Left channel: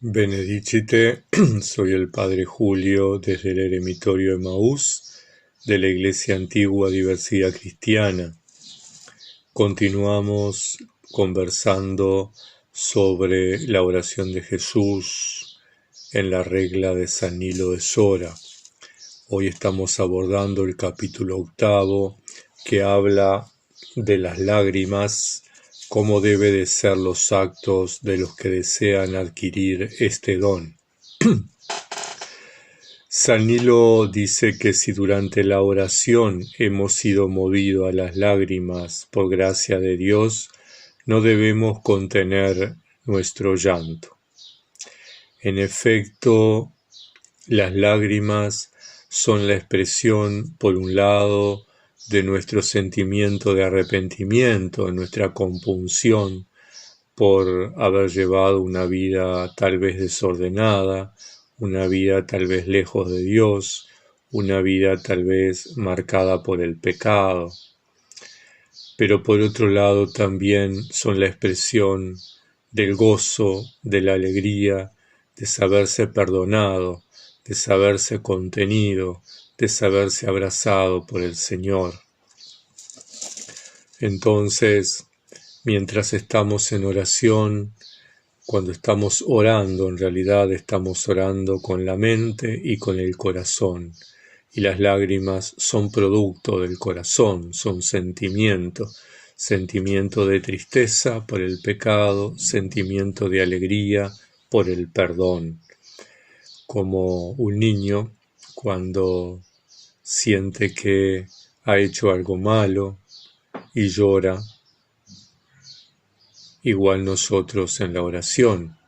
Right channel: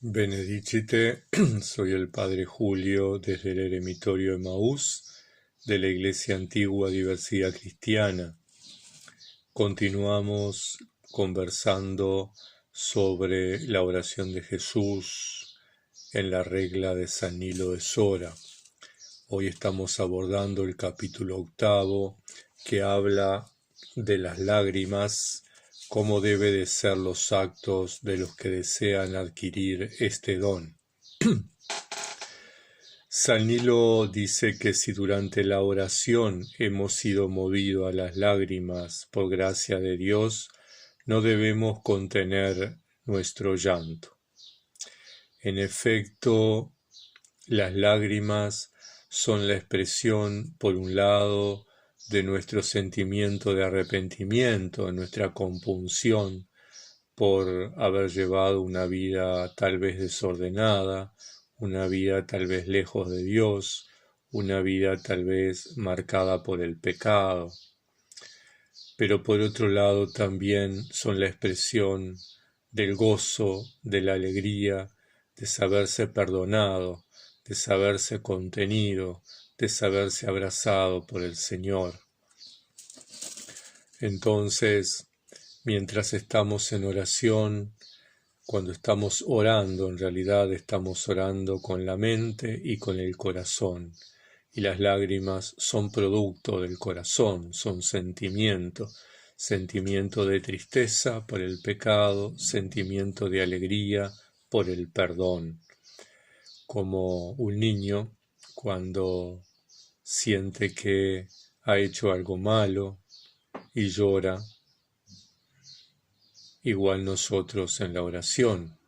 Benedicite, soy el Padre Julio desde el Eremitorio Emaús de la Iglesia Antigua Diversidad Cristiana. Continuamos conversando sobre la oración de Jesús en la regla de San Nilo de Sora. Hoy estamos abordando el capítulo 8 que habla de las lágrimas, cómo debe de ser los actos de los que desean adquirir este don. San Nilo dice que si durante la oración hemos sido movidos a las lágrimas por gracia de Dios, no debemos contener nuestro llanto. En efecto, las lágrimas son la expresión, por un lado, de nuestro sentimiento de arrepentimiento, de nuestra compunción por haber llevado una vida tal vez desordenada, una vida tal vez lejos de Dios, una vida tal vez marcada por el pecado. Pero por otro lado también son la expresión del gozo, de la alegría, de saberse perdonado, de saberse contenido, de saberse abrazado por el Señor. Entonces, mientras estamos en oración, cuando estamos orando, en realidad estamos orando con la mente y con el corazón. Y las lágrimas son producto del corazón, son sentimiento de tristeza por el pecado, sentimiento de alegría por el perdón. Como un niño cuando siente que ha hecho algo malo y llora, igual nosotros en la oración,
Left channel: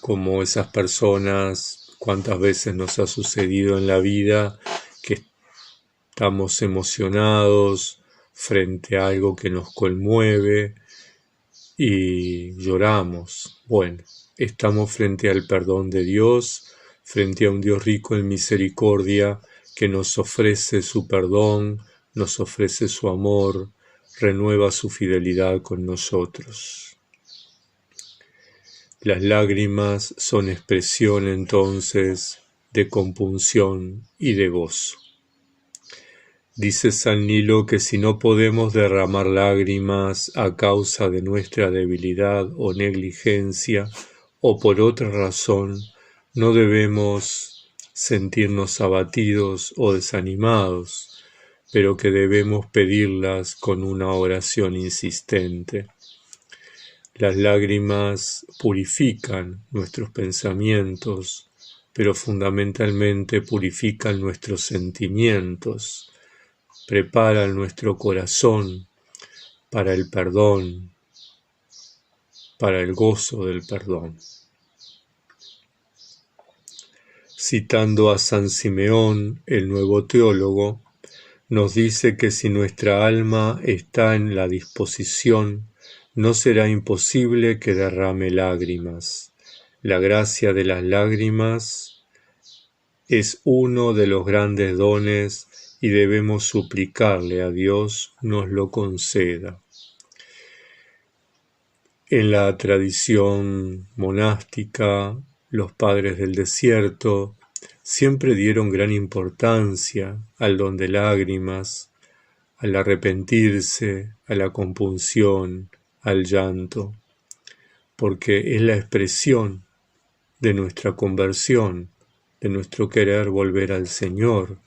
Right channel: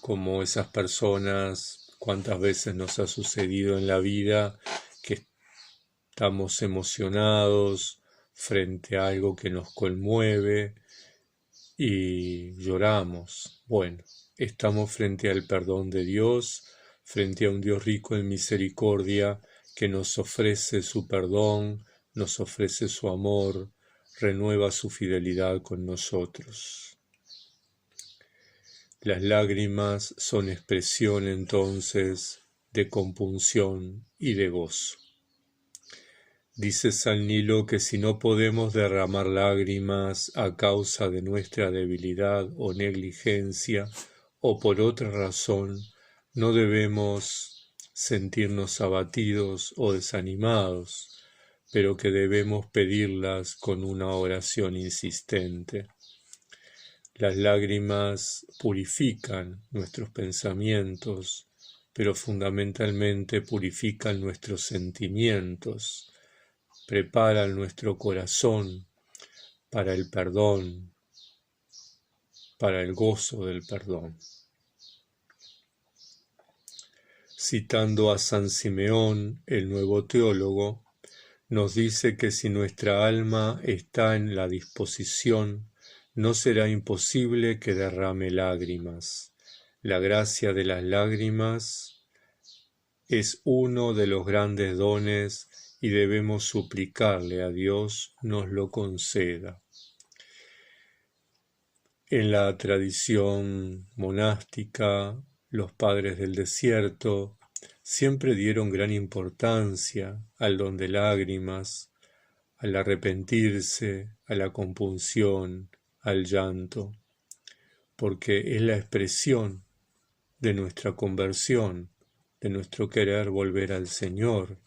como esas personas, cuántas veces nos ha sucedido en la vida que estamos emocionados frente a algo que nos conmueve y lloramos. Bueno, estamos frente al perdón de Dios, frente a un Dios rico en misericordia que nos ofrece su perdón, nos ofrece su amor, renueva su fidelidad con nosotros. Las lágrimas son expresión entonces de compunción y de gozo. Dice San Nilo que si no podemos derramar lágrimas a causa de nuestra debilidad o negligencia o por otra razón, no debemos sentirnos abatidos o desanimados, pero que debemos pedirlas con una oración insistente. Las lágrimas purifican nuestros pensamientos, pero fundamentalmente purifican nuestros sentimientos, preparan nuestro corazón para el perdón, para el gozo del perdón. Citando a San Simeón, el nuevo teólogo, nos dice que si nuestra alma está en la disposición, no será imposible que derrame lágrimas. La gracia de las lágrimas es uno de los grandes dones y debemos suplicarle a Dios nos lo conceda. En la tradición monástica, los padres del desierto siempre dieron gran importancia al don de lágrimas, al arrepentirse, a la compunción, al llanto, porque es la expresión de nuestra conversión, de nuestro querer volver al Señor,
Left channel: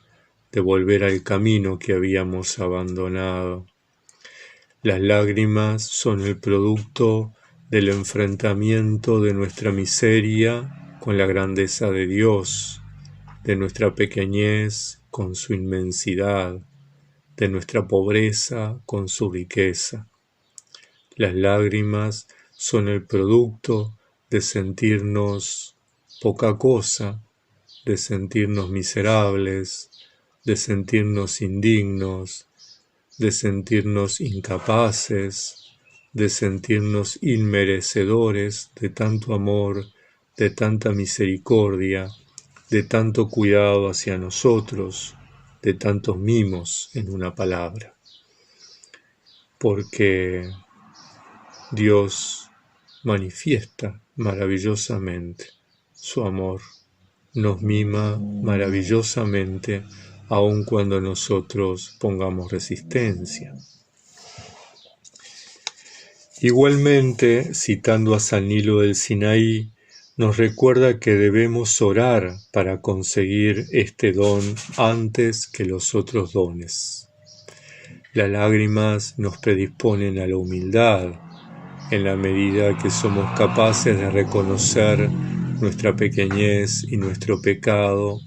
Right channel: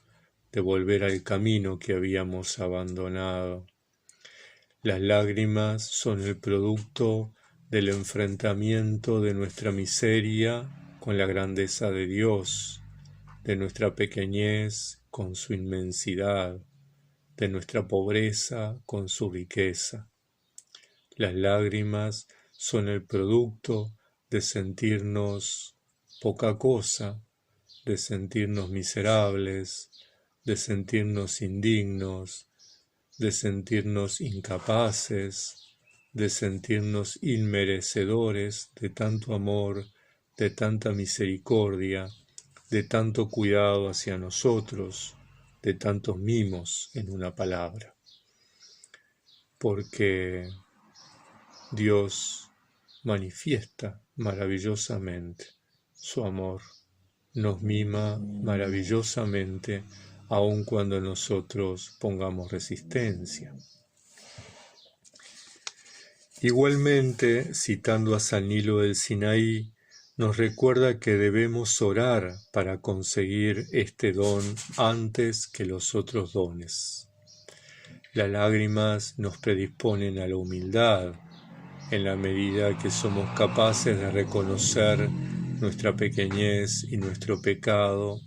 de volver al camino que habíamos abandonado. Las lágrimas son el producto del enfrentamiento de nuestra miseria con la grandeza de Dios, de nuestra pequeñez con su inmensidad, de nuestra pobreza con su riqueza. Las lágrimas son el producto de sentirnos poca cosa, de sentirnos miserables, de sentirnos indignos, de sentirnos incapaces, de sentirnos inmerecedores de tanto amor, de tanta misericordia, de tanto cuidado hacia nosotros, de tantos mimos, en una palabra. Porque Dios manifiesta maravillosamente. Su amor nos mima maravillosamente, aun cuando nosotros pongamos resistencia. Igualmente, citando a San Nilo del Sinaí, nos recuerda que debemos orar para conseguir este don antes que los otros dones. Las lágrimas nos predisponen a la humildad, en la medida que somos capaces de reconocer nuestra pequeñez y nuestro pecado.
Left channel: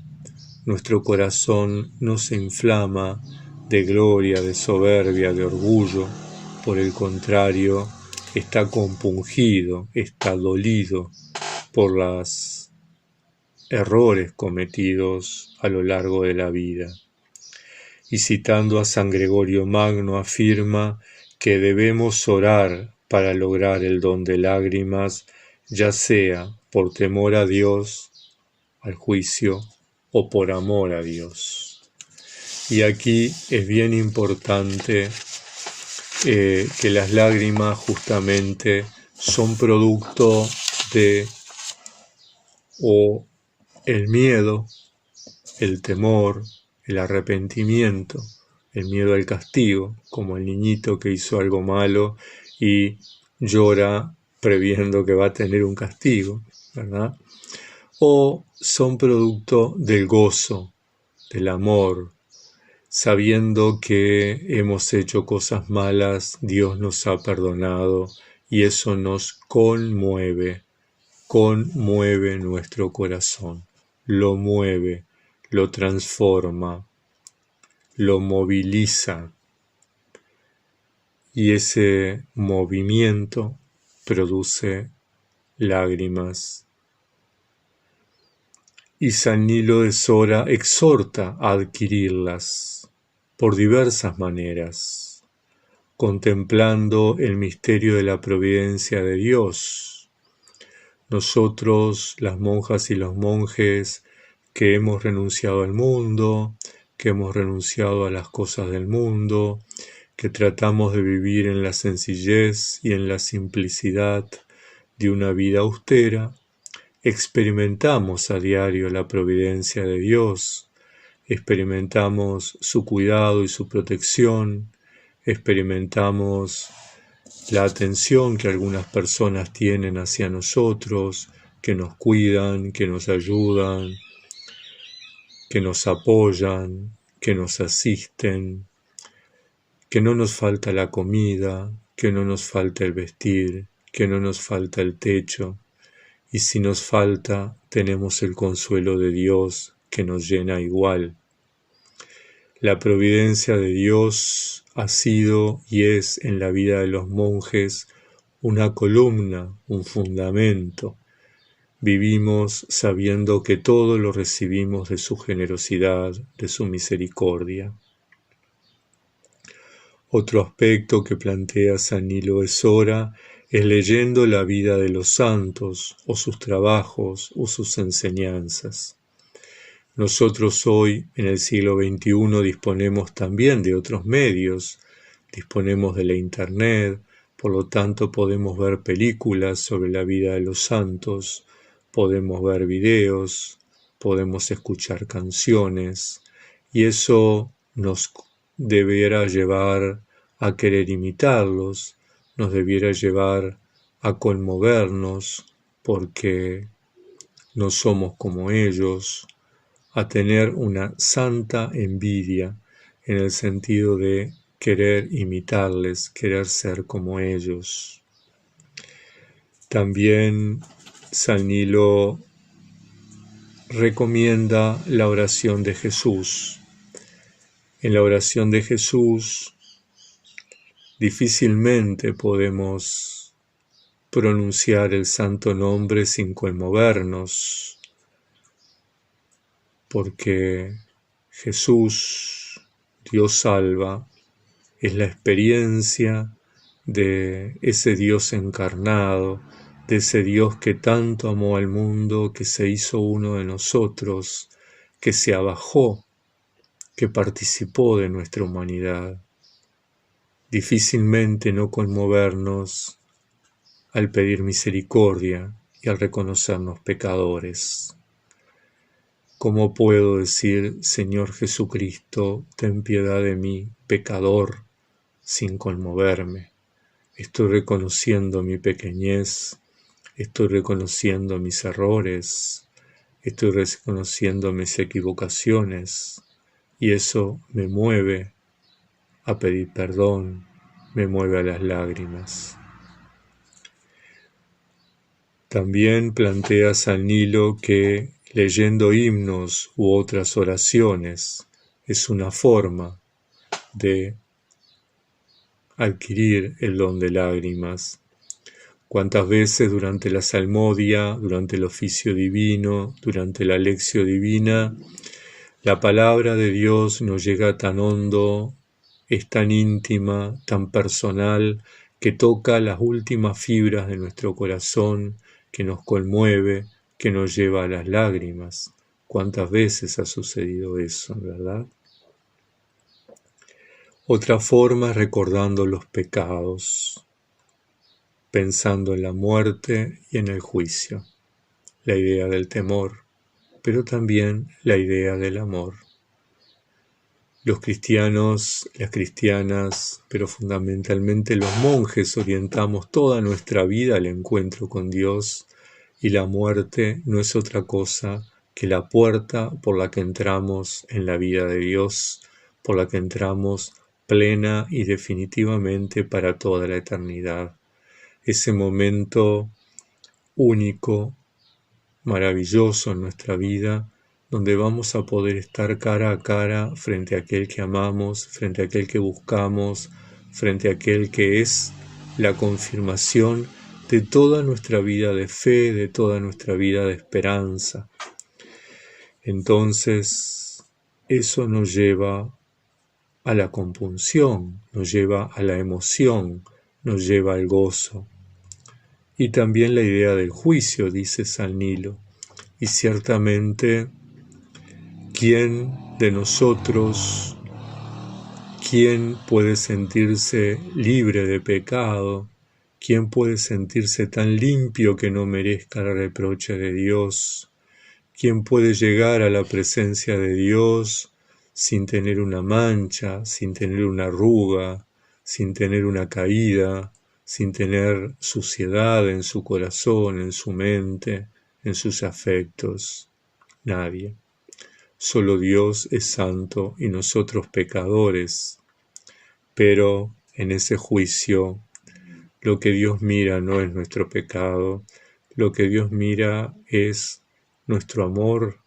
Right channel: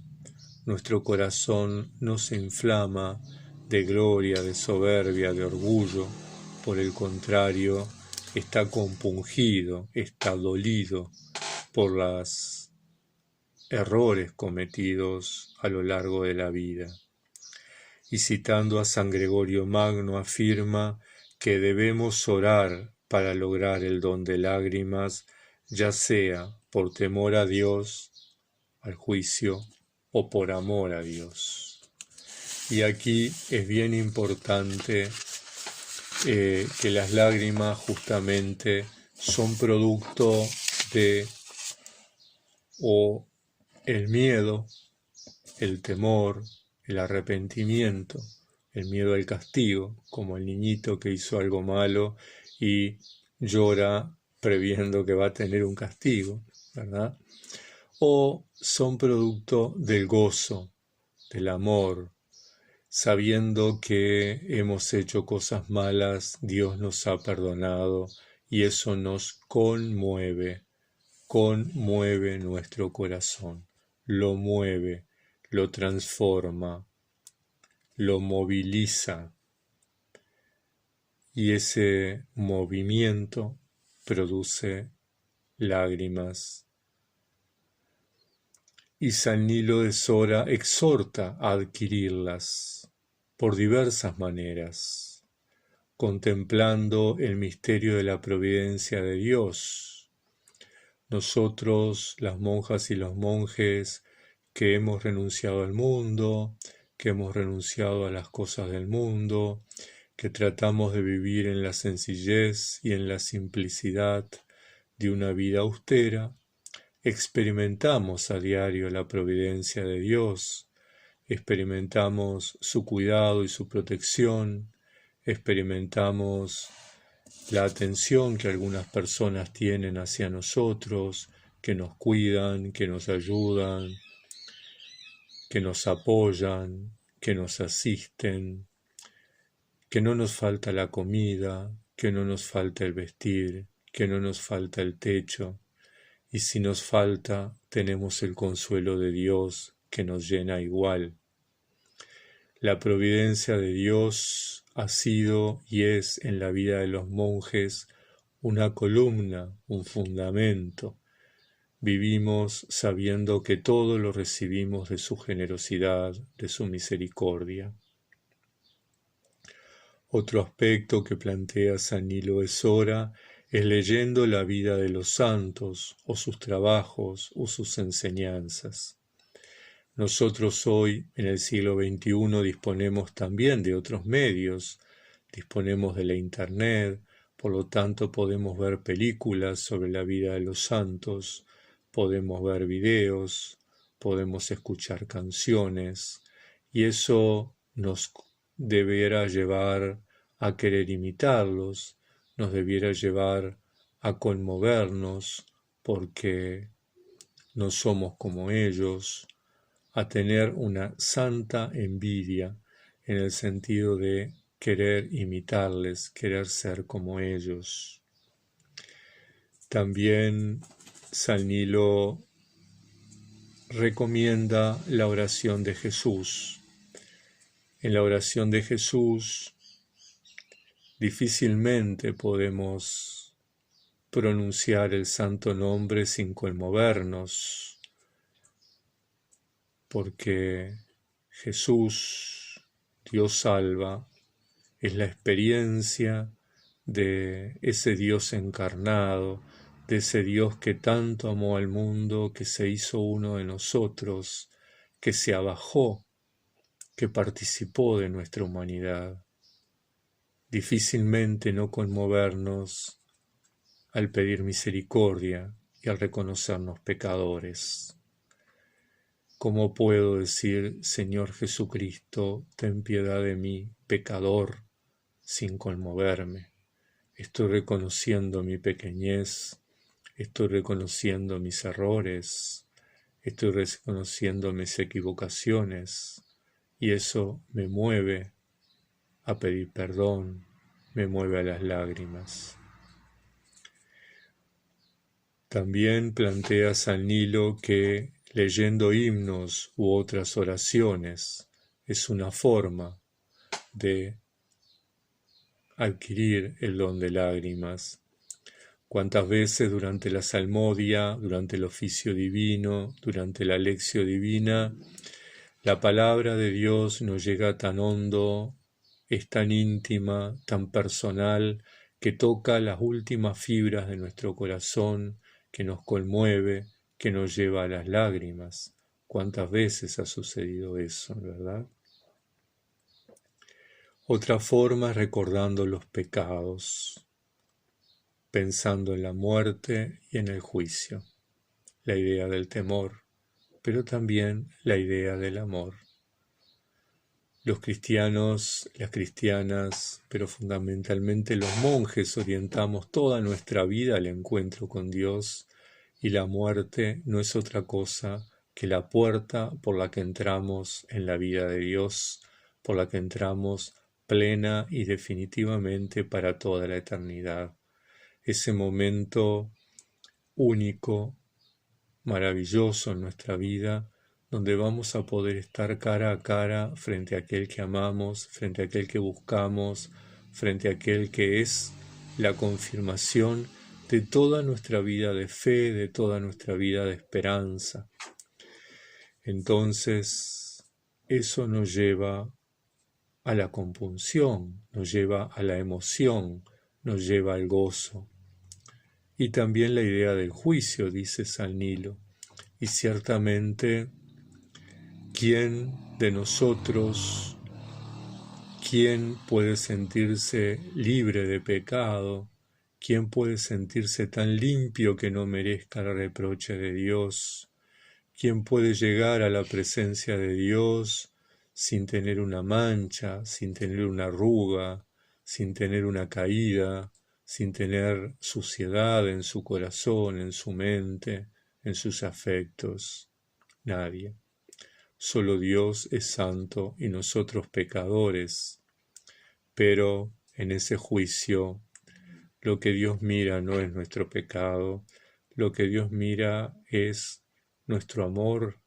Nuestro corazón no se inflama de gloria, de soberbia, de orgullo. Por el contrario, está compungido, está dolido por los errores cometidos a lo largo de la vida. Y citando a San Gregorio Magno afirma que debemos orar para lograr el don de lágrimas, ya sea por temor a Dios, al juicio, o por amor a Dios. Y aquí es bien importante que las lágrimas justamente son producto de o el miedo, el temor, el arrepentimiento, el miedo al castigo, como el niñito que hizo algo malo y llora previendo que va a tener un castigo, ¿verdad? O son producto del gozo, del amor, sabiendo que hemos hecho cosas malas, Dios nos ha perdonado y eso nos conmueve nuestro corazón, lo mueve, lo transforma, lo moviliza y ese movimiento produce lágrimas. Y San Nilo de Sora exhorta a adquirirlas por diversas maneras, contemplando el misterio de la providencia de Dios. Nosotros, las monjas y los monjes, que hemos renunciado al mundo, que hemos renunciado a las cosas del mundo, que tratamos de vivir en la sencillez y en la simplicidad de una vida austera, experimentamos a diario la providencia de Dios, experimentamos su cuidado y su protección, experimentamos la atención que algunas personas tienen hacia nosotros, que nos cuidan, que nos ayudan, que nos apoyan, que nos asisten, que no nos falta la comida, que no nos falta el vestir, que no nos falta el techo. Y si nos falta, tenemos el consuelo de Dios que nos llena igual. La providencia de Dios ha sido y es en la vida de los monjes una columna, un fundamento. Vivimos sabiendo que todo lo recibimos de su generosidad, de su misericordia. Otro aspecto que plantea San Nilo de Sora es leyendo la vida de los santos, o sus trabajos, o sus enseñanzas. Nosotros hoy, en el siglo XXI, disponemos también de otros medios, disponemos de la Internet, por lo tanto podemos ver películas sobre la vida de los santos, podemos ver videos, podemos escuchar canciones, y eso nos debiera llevar a querer imitarlos, nos debiera llevar a conmovernos porque no somos como ellos, a tener una santa envidia en el sentido de querer imitarles, querer ser como ellos. También San Nilo recomienda la oración de Jesús. En la oración de Jesús difícilmente podemos pronunciar el santo nombre sin conmovernos, porque Jesús, Dios salva, es la experiencia de ese Dios encarnado, de ese Dios que tanto amó al mundo, que se hizo uno de nosotros, que se abajó, que participó de nuestra humanidad. Difícilmente no conmovernos al pedir misericordia y al reconocernos pecadores. ¿Cómo puedo decir, Señor Jesucristo, ten piedad de mí, pecador, sin conmoverme? Estoy reconociendo mi pequeñez, estoy reconociendo mis errores, estoy reconociendo mis equivocaciones, y eso me mueve a pedir perdón, me mueve a las lágrimas. También plantea San Nilo que leyendo himnos u otras oraciones es una forma de adquirir el don de lágrimas. Cuántas veces durante la salmodia, durante el oficio divino, durante la lección divina, la palabra de Dios nos llega tan hondo, es tan íntima, tan personal, que toca las últimas fibras de nuestro corazón, que nos conmueve, que nos lleva a las lágrimas. ¿Cuántas veces ha sucedido eso, verdad? Otra forma es recordando los pecados, pensando en la muerte y en el juicio, la idea del temor, pero también la idea del amor. Los cristianos, las cristianas, pero fundamentalmente los monjes orientamos toda nuestra vida al encuentro con Dios, y la muerte no es otra cosa que la puerta por la que entramos en la vida de Dios, por la que entramos plena y definitivamente para toda la eternidad. Ese momento único, maravilloso en nuestra vida, donde vamos a poder estar cara a cara frente a aquel que amamos, frente a aquel que buscamos, frente a aquel que es la confirmación de toda nuestra vida de fe, de toda nuestra vida de esperanza. Entonces, eso nos lleva a la compunción, nos lleva a la emoción, nos lleva al gozo. Y también la idea del juicio, dice San Nilo. Y ciertamente, ¿quién de nosotros, quién puede sentirse libre de pecado? ¿Quién puede sentirse tan limpio que no merezca el reproche de Dios? ¿Quién puede llegar a la presencia de Dios sin tener una mancha, sin tener una arruga, sin tener una caída, sin tener suciedad en su corazón, en su mente, en sus afectos? Nadie. Solo Dios es santo y nosotros pecadores. Pero en ese juicio, lo que Dios mira no es nuestro pecado, lo que Dios mira es nuestro amor,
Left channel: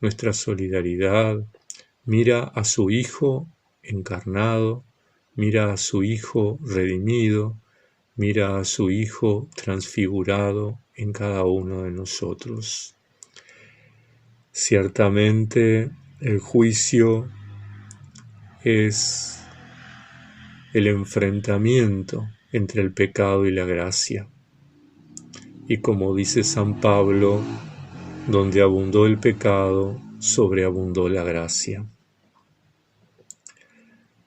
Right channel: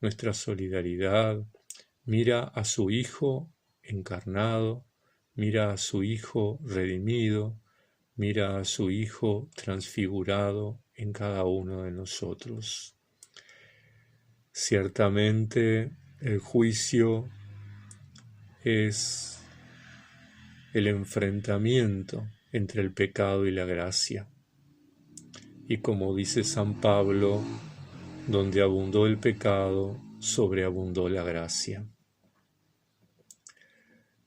nuestra solidaridad, mira a su Hijo encarnado, mira a su Hijo redimido, mira a su Hijo transfigurado en cada uno de nosotros. Ciertamente el juicio es el enfrentamiento entre el pecado y la gracia. Y como dice San Pablo, donde abundó el pecado, sobreabundó la gracia.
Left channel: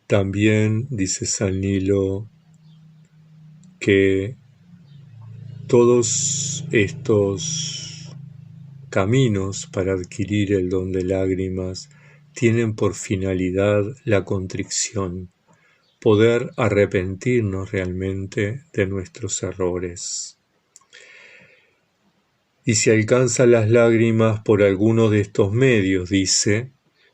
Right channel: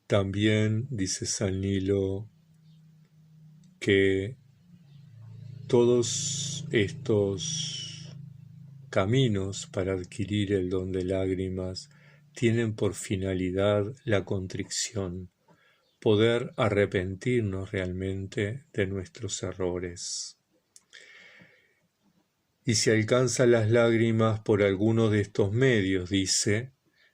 También dice San Nilo que todos estos caminos para adquirir el don de lágrimas tienen por finalidad la contrición, poder arrepentirnos realmente de nuestros errores. Y si alcanza las lágrimas por alguno de estos medios, dice,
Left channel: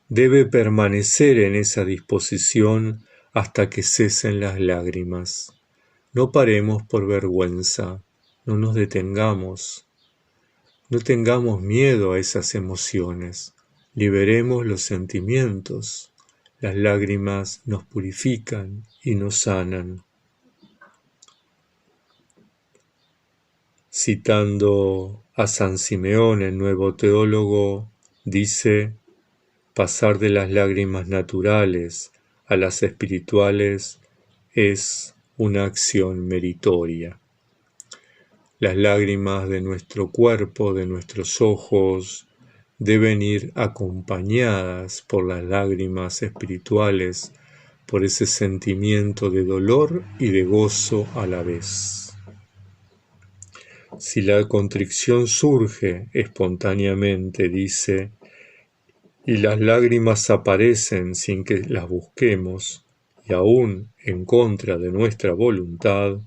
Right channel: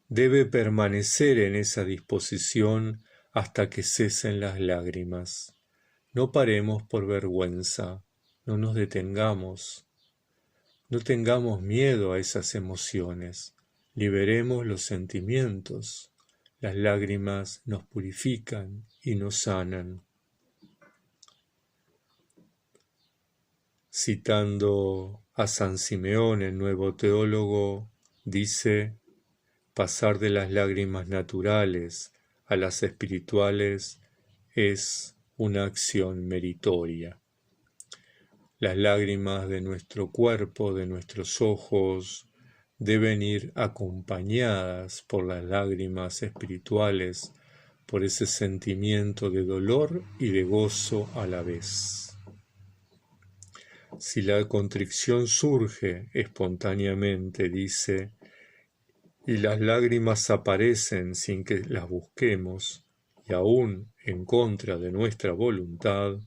debe permanecer en esa disposición hasta que cesen las lágrimas. No paremos por vergüenza, no nos detengamos, no tengamos miedo a esas emociones, liberemos los sentimientos. Las lágrimas nos purifican y nos sanan. Citando a San Simeón, el nuevo teólogo, dice, pasar de las lágrimas naturales a las espirituales es una acción meritoria. Las lágrimas de nuestro cuerpo, de nuestros ojos, deben ir acompañadas por las lágrimas espirituales, por ese sentimiento de dolor y de gozo a la vez. Si la contrición surge espontáneamente, dice, y las lágrimas aparecen sin que las busquemos, y aún en contra de nuestra voluntad,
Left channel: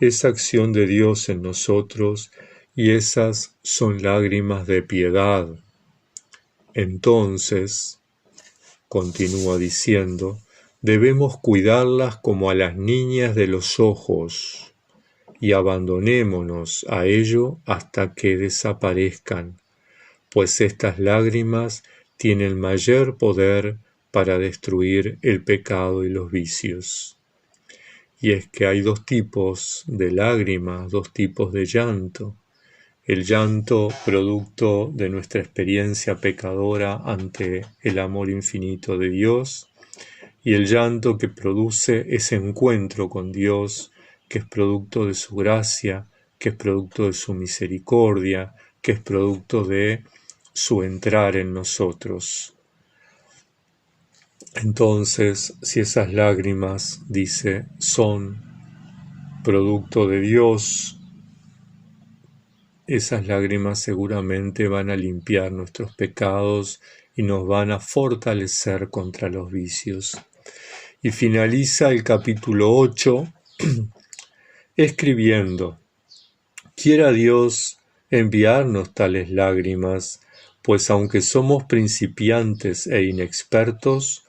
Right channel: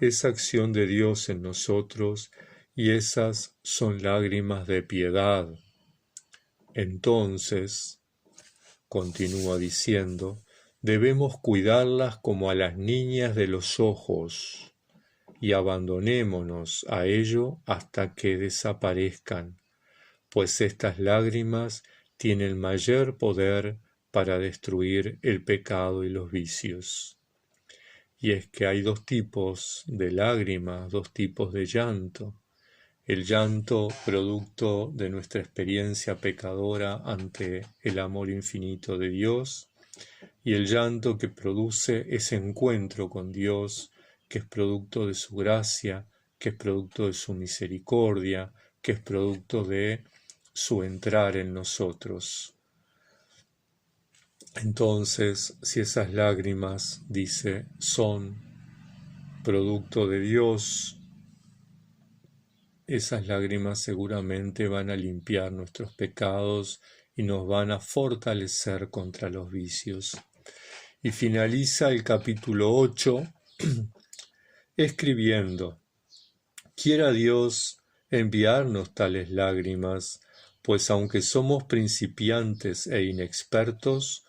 es acción de Dios en nosotros, y esas son lágrimas de piedad. Entonces, continúa diciendo, debemos cuidarlas como a las niñas de los ojos, y abandonémonos a ello hasta que desaparezcan, pues estas lágrimas tienen mayor poder para destruir el pecado y los vicios. Y es que hay dos tipos de lágrimas, dos tipos de llanto. El llanto producto de nuestra experiencia pecadora ante el amor infinito de Dios, y el llanto que produce ese encuentro con Dios, que es producto de su gracia, que es producto de su misericordia, que es producto de su entrar en nosotros. Entonces, si esas lágrimas, dice, son producto de Dios, esas lágrimas seguramente van a limpiar nuestros pecados y nos van a fortalecer contra los vicios. Y finaliza el capítulo 8 escribiendo: quiera Dios enviarnos tales lágrimas, pues aunque somos principiantes e inexpertos,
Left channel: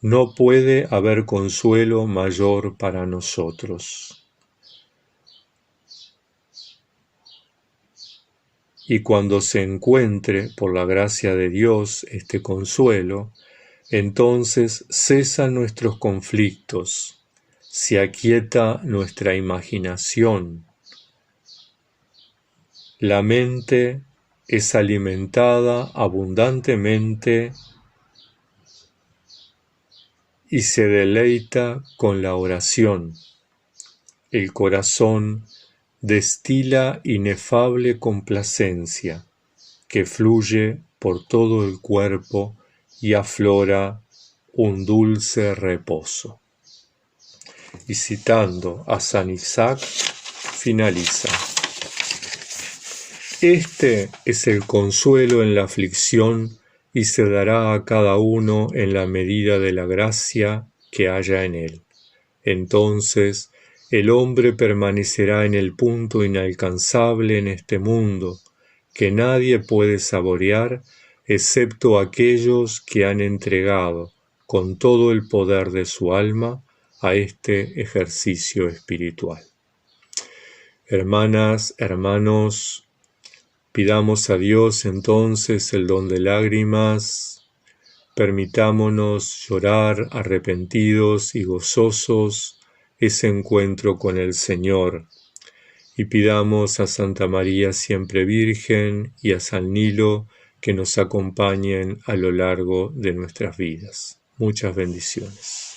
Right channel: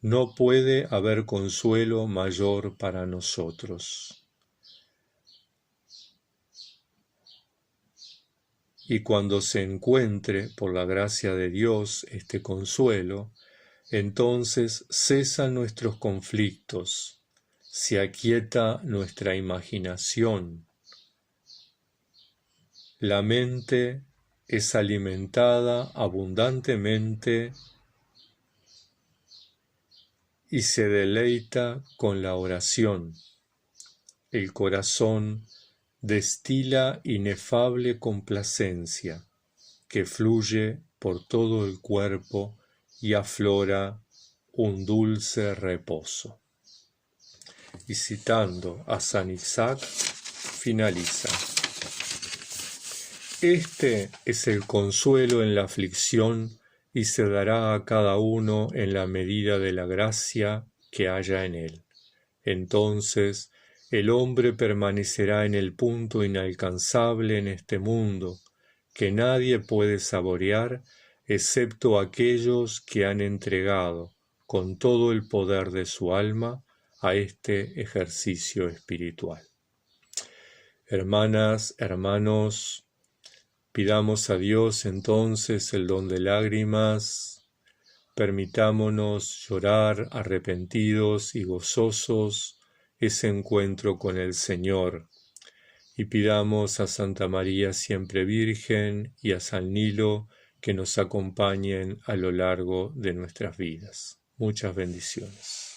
no puede haber consuelo mayor para nosotros. Y cuando se encuentre, por la gracia de Dios, este consuelo, entonces cesan nuestros conflictos, se aquieta nuestra imaginación, la mente es alimentada abundantemente y se deleita con la oración. El corazón destila inefable complacencia que fluye por todo el cuerpo y aflora un dulce reposo. Y citando a San Isaac, finaliza: este es el consuelo en la aflicción y se dará a cada uno en la medida de la gracia que haya en él. Entonces el hombre permanecerá en el punto inalcanzable en este mundo, que nadie puede saborear excepto aquellos que han entregado con todo el poder de su alma a este ejercicio espiritual. Hermanas, hermanos, pidamos a Dios entonces el don de lágrimas, permitámonos llorar arrepentidos y gozosos ese encuentro con el Señor, y pidamos a Santa María siempre Virgen y a San Nilo que nos acompañen a lo largo de nuestras vidas. Muchas bendiciones.